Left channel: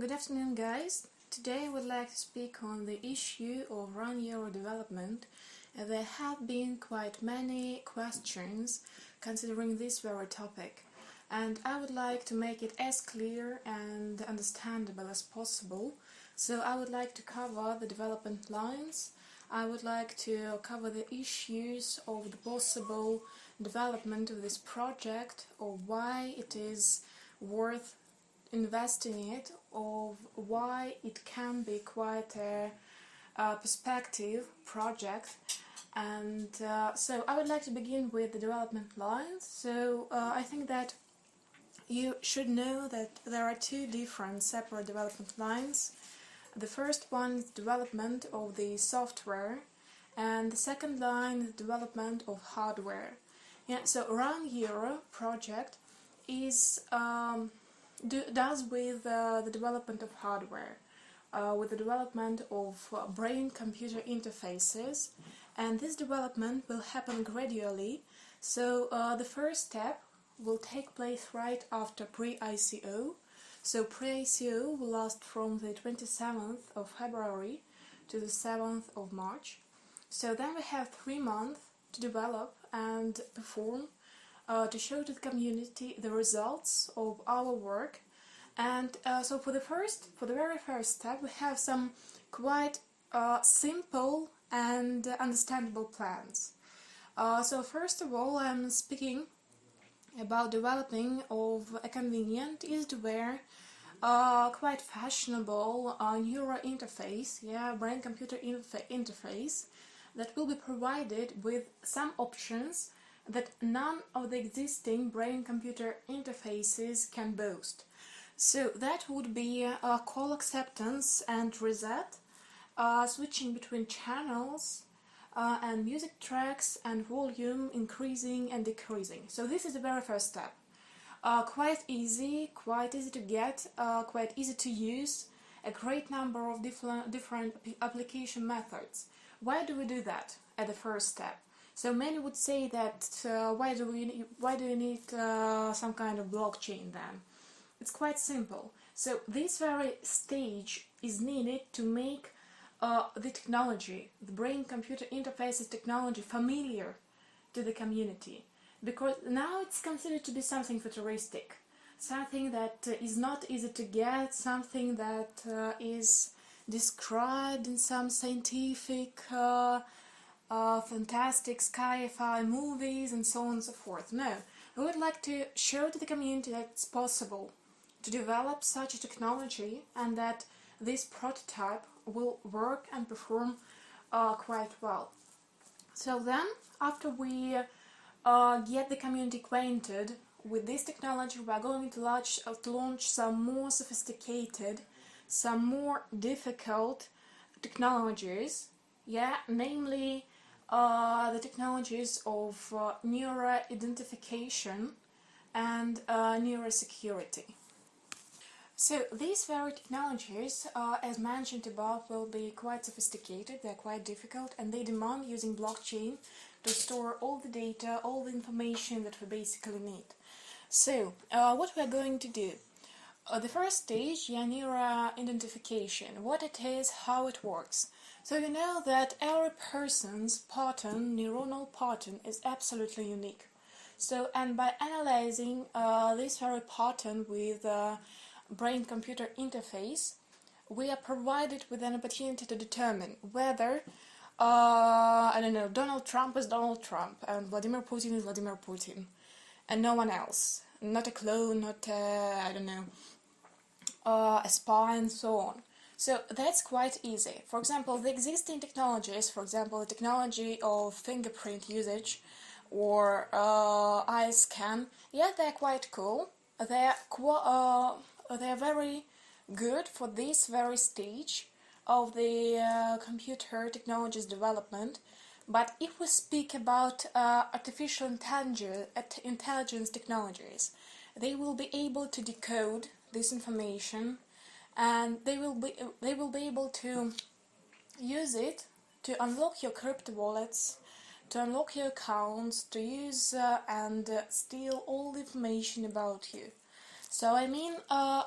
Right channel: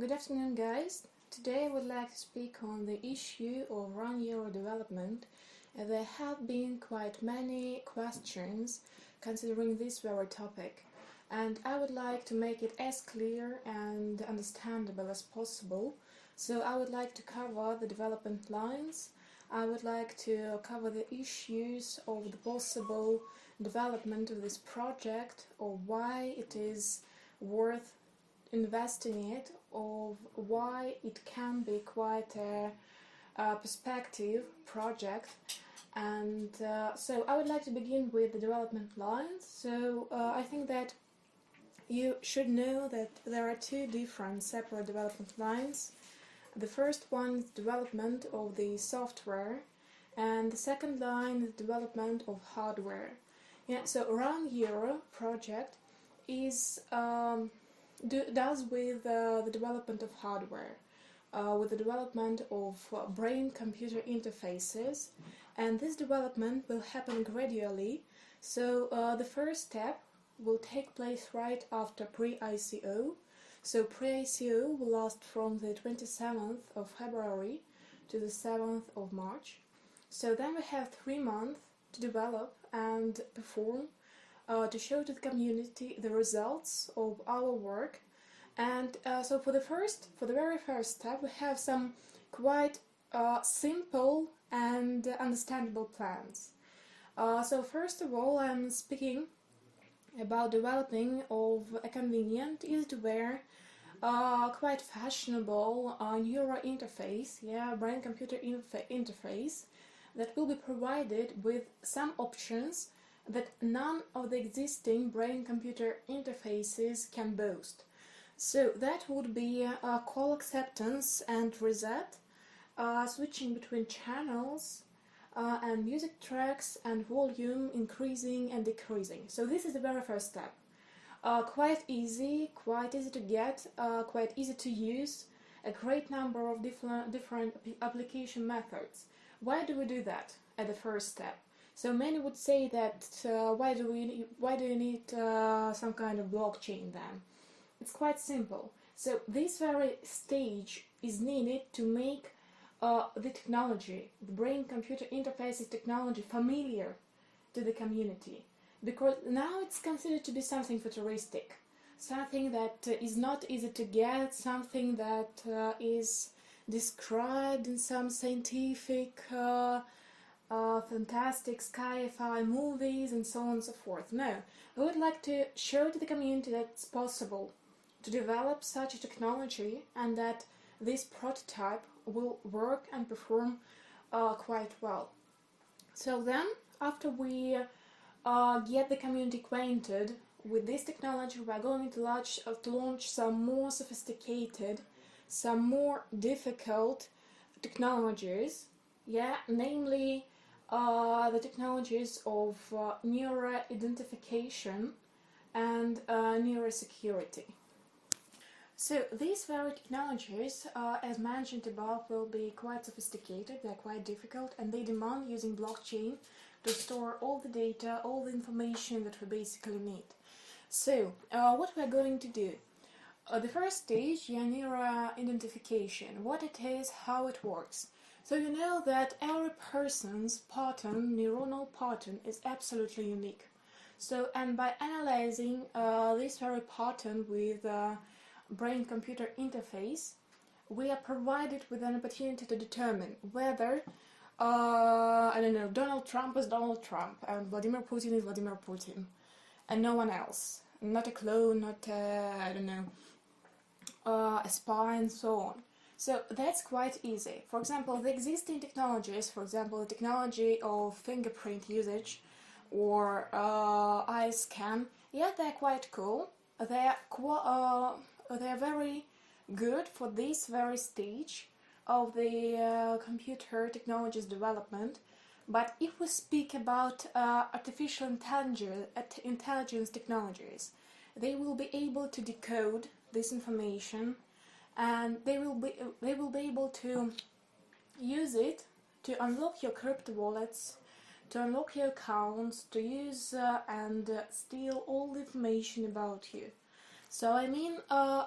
Good afternoon, guys. Today I would like to speak on the issue of Runeuro development. There have been quite many questions considering this very topic, and I would like to make it as clear and understandable as possible. So I would like to cover the development lines. I would like to cover the issues of the possible development of this project, or why it is worth investing it, of why it can be quite a perspective project. And so I would like to begin with the development lines. So I think that you should know that there are two different separate development lines. The first one is development of the software, and the second line is development of hardware. Yeah, so Runeuro project is does with the development of hardware, with the development of brain-computer interfaces, and this development will happen gradually. So the first step will take place right after pre-ICO. So pre-ICO will last from the 27th of February to the 7th of March. So then we have 3 months to develop and perform, to show to the community the results of our work. And so for the very first step, we have some quite simple and understandable plans. So first of all, I'm speaking about developing of a convenient, easy-to-wear, quite fashionable neural interface, brain-computer interface that will be provided with some options that none of the existing brain-computer interfaces can boast. So that would be call acceptance and reset, switching between channels, and music tracks and volume increasing and decreasing. So this is the very first step. Quite easy to get, quite easy to use, a great number of different application methods. Why do we do that at the first step? So many would say that why do you need some kind of blockchain then? It's quite simple. So this very stage is needed to make the technology, the brain-computer interfaces technology, familiar to the community, because now it's considered to be something futuristic, something that is not easy to get, something that is described in some scientific fantastic sci-fi movies and so on and so forth. No, we would like to show to the community that it's possible to develop such a technology and that this prototype will work and perform quite well. So then, after we get the community acquainted with this technology, we are going to launch some more sophisticated, some more difficult technologies, namely the technologies of neural identification and neurosecurity. So these very technologies, as mentioned above, will be quite sophisticated, they're quite difficult, and they demand using blockchain to store all the data, all the information that we basically need. So, what we're going to do? The first stage, neural identification, what it is, how it works. So you know that every person's pattern, neuronal pattern, is absolutely unique. So, and by analyzing this very pattern with brain-computer interface, we are provided with an opportunity to determine whether, Donald Trump is Donald Trump and Vladimir Putin is Vladimir Putin, and no one else, not a clone, not a spy, and so on. So that's quite easy. For example, the existing technologies, for example, the technology of fingerprint usage or eye scan, they're quite cool. They're very good for this very stage of the computer technologies development. But if we speak about artificial intelligence technologies, they will be able to decode this information, and they will be able to use it to unlock your crypto wallets, to unlock your accounts, to use and steal all the information about you. So I mean,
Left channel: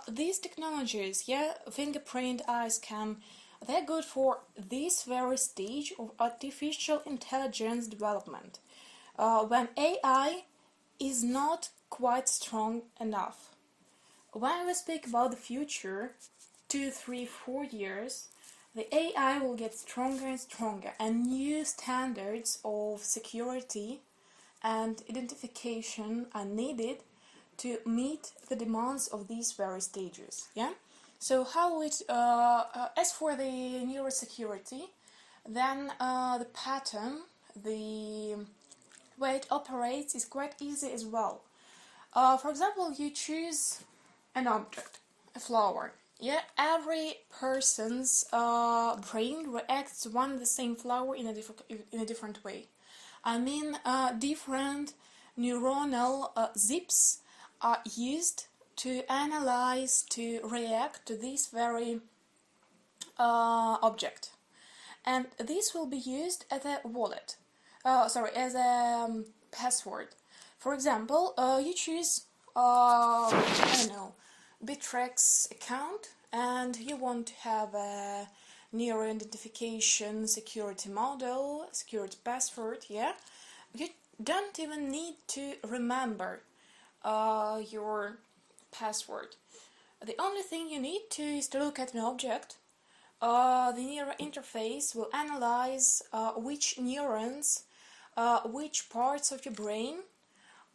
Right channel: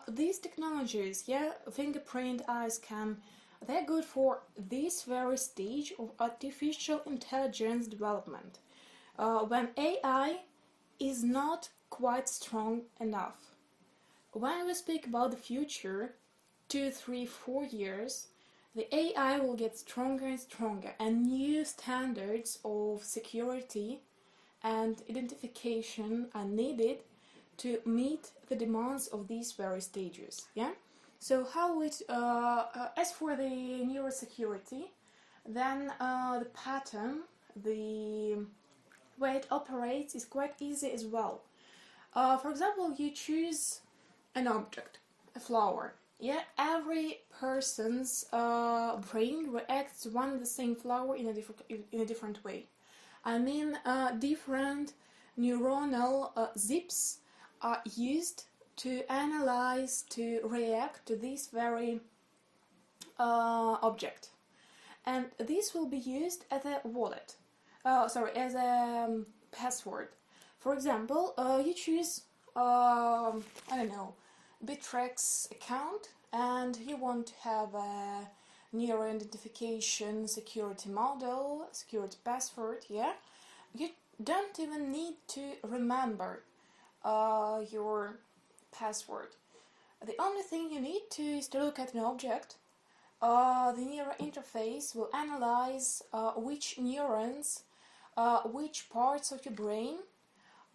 these technologies, yeah, fingerprint, eye scan, they're good for this very stage of artificial intelligence development, when AI is not quite strong enough. When we speak about the future, 2, 3, 4 years, the AI will get stronger and stronger, and new standards of security and identification are needed to meet the demands of these various stages. Yeah. So how it as for the neurosecurity, then the pattern, the way it operates is quite easy as well. For example, you choose an object, a flower. Yeah, every person's brain reacts to one and the same flower in a different way. I mean, different neuronal zips are used to analyze, to react to this very object, and this will be used as a wallet. As a password. For example, you choose, I don't know, Bittrex account, and you want to have a neuro identification security model, security password, yeah? You don't even need to remember your password. The only thing you need to is to look at an object. The neural interface will analyze which neurons, which parts of your brain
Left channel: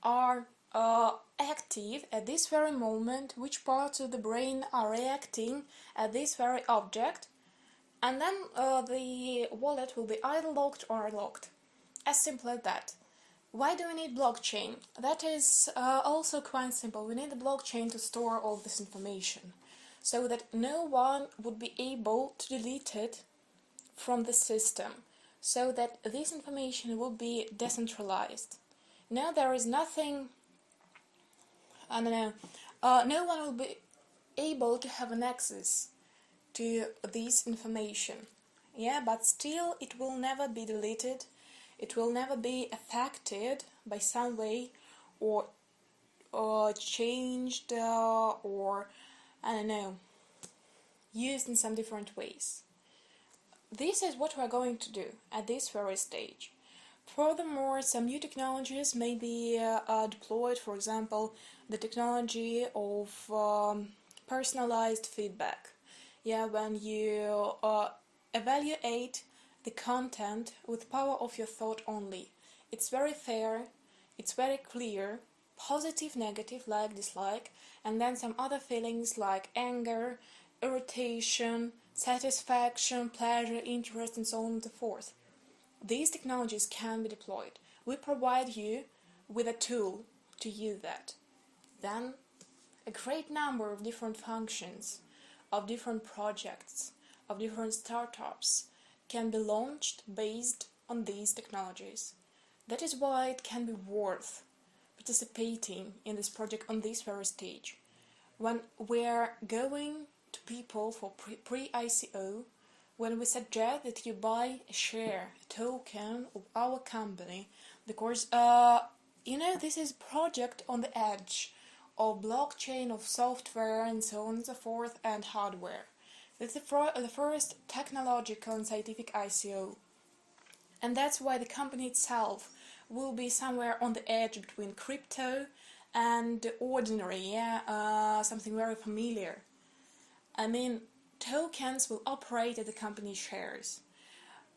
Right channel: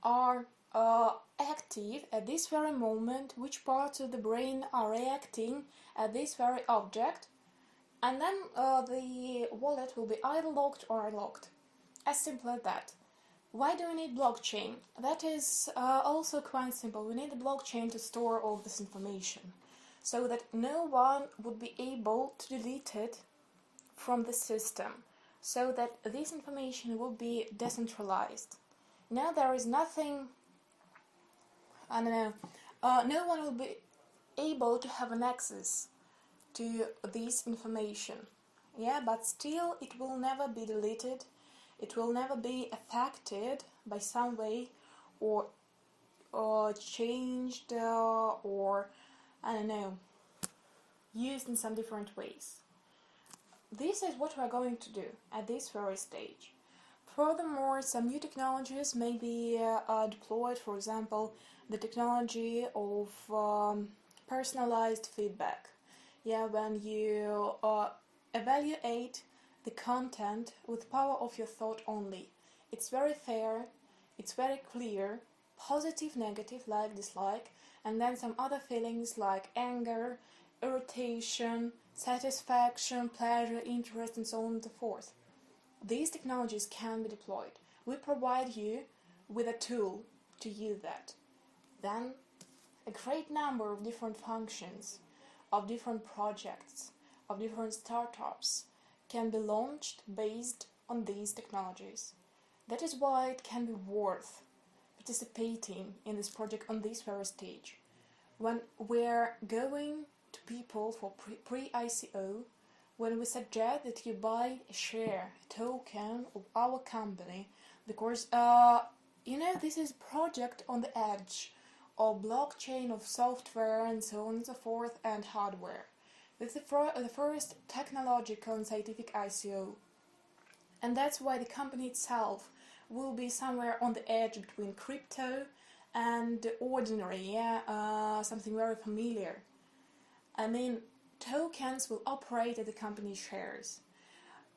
are active at this very moment, which parts of the brain are reacting at this very object, and then the wallet will be either locked or unlocked. As simple as that. Why do we need blockchain? That is also quite simple. We need a blockchain to store all this information, so that no one would be able to delete it from the system, so that this information will be decentralized. Now there is nothing, I don't know, no one will be able to have an access to this information. Yeah, but still it will never be deleted, it will never be affected by some way, or changed, or I don't know, used in some different ways. This is what we are going to do at this very stage. Furthermore, some new technologies may be deployed, for example, the technology of personalized feedback. Yeah, when you evaluate the content with power of your thought only. It's very fair, it's very clear, positive, negative, like, dislike, and then some other feelings like anger, irritation, satisfaction, pleasure, interest, and so on and so forth. These technologies can be deployed. We provide you with a tool to use that. Then a great number of different functions, of different projects, of different startups can be launched based on these technologies. That is why it can be worth participating in this project on this very stage. When we're going to people for pre-ICO, when we suggest that you buy a share, a token of our company, because this is a project on the edge of blockchain, of software, and so on and so forth, and hardware. It's the first technological and scientific ICO, and that's why the company itself will be somewhere on the edge between crypto and ordinary, something very familiar. I mean, tokens will operate as the company shares.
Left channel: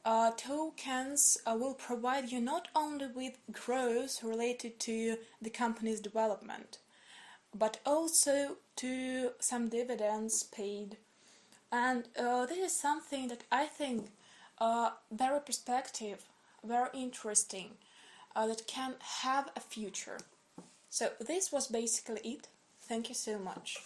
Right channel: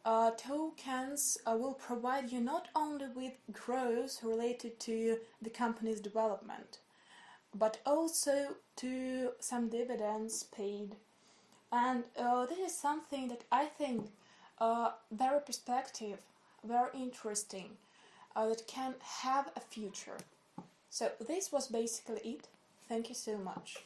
Tokens will provide you not only with growth related to the company's development, but also to some dividends paid. And this is something that I think very perspective, very interesting, that can have a future. So this was basically it. Thank you so much.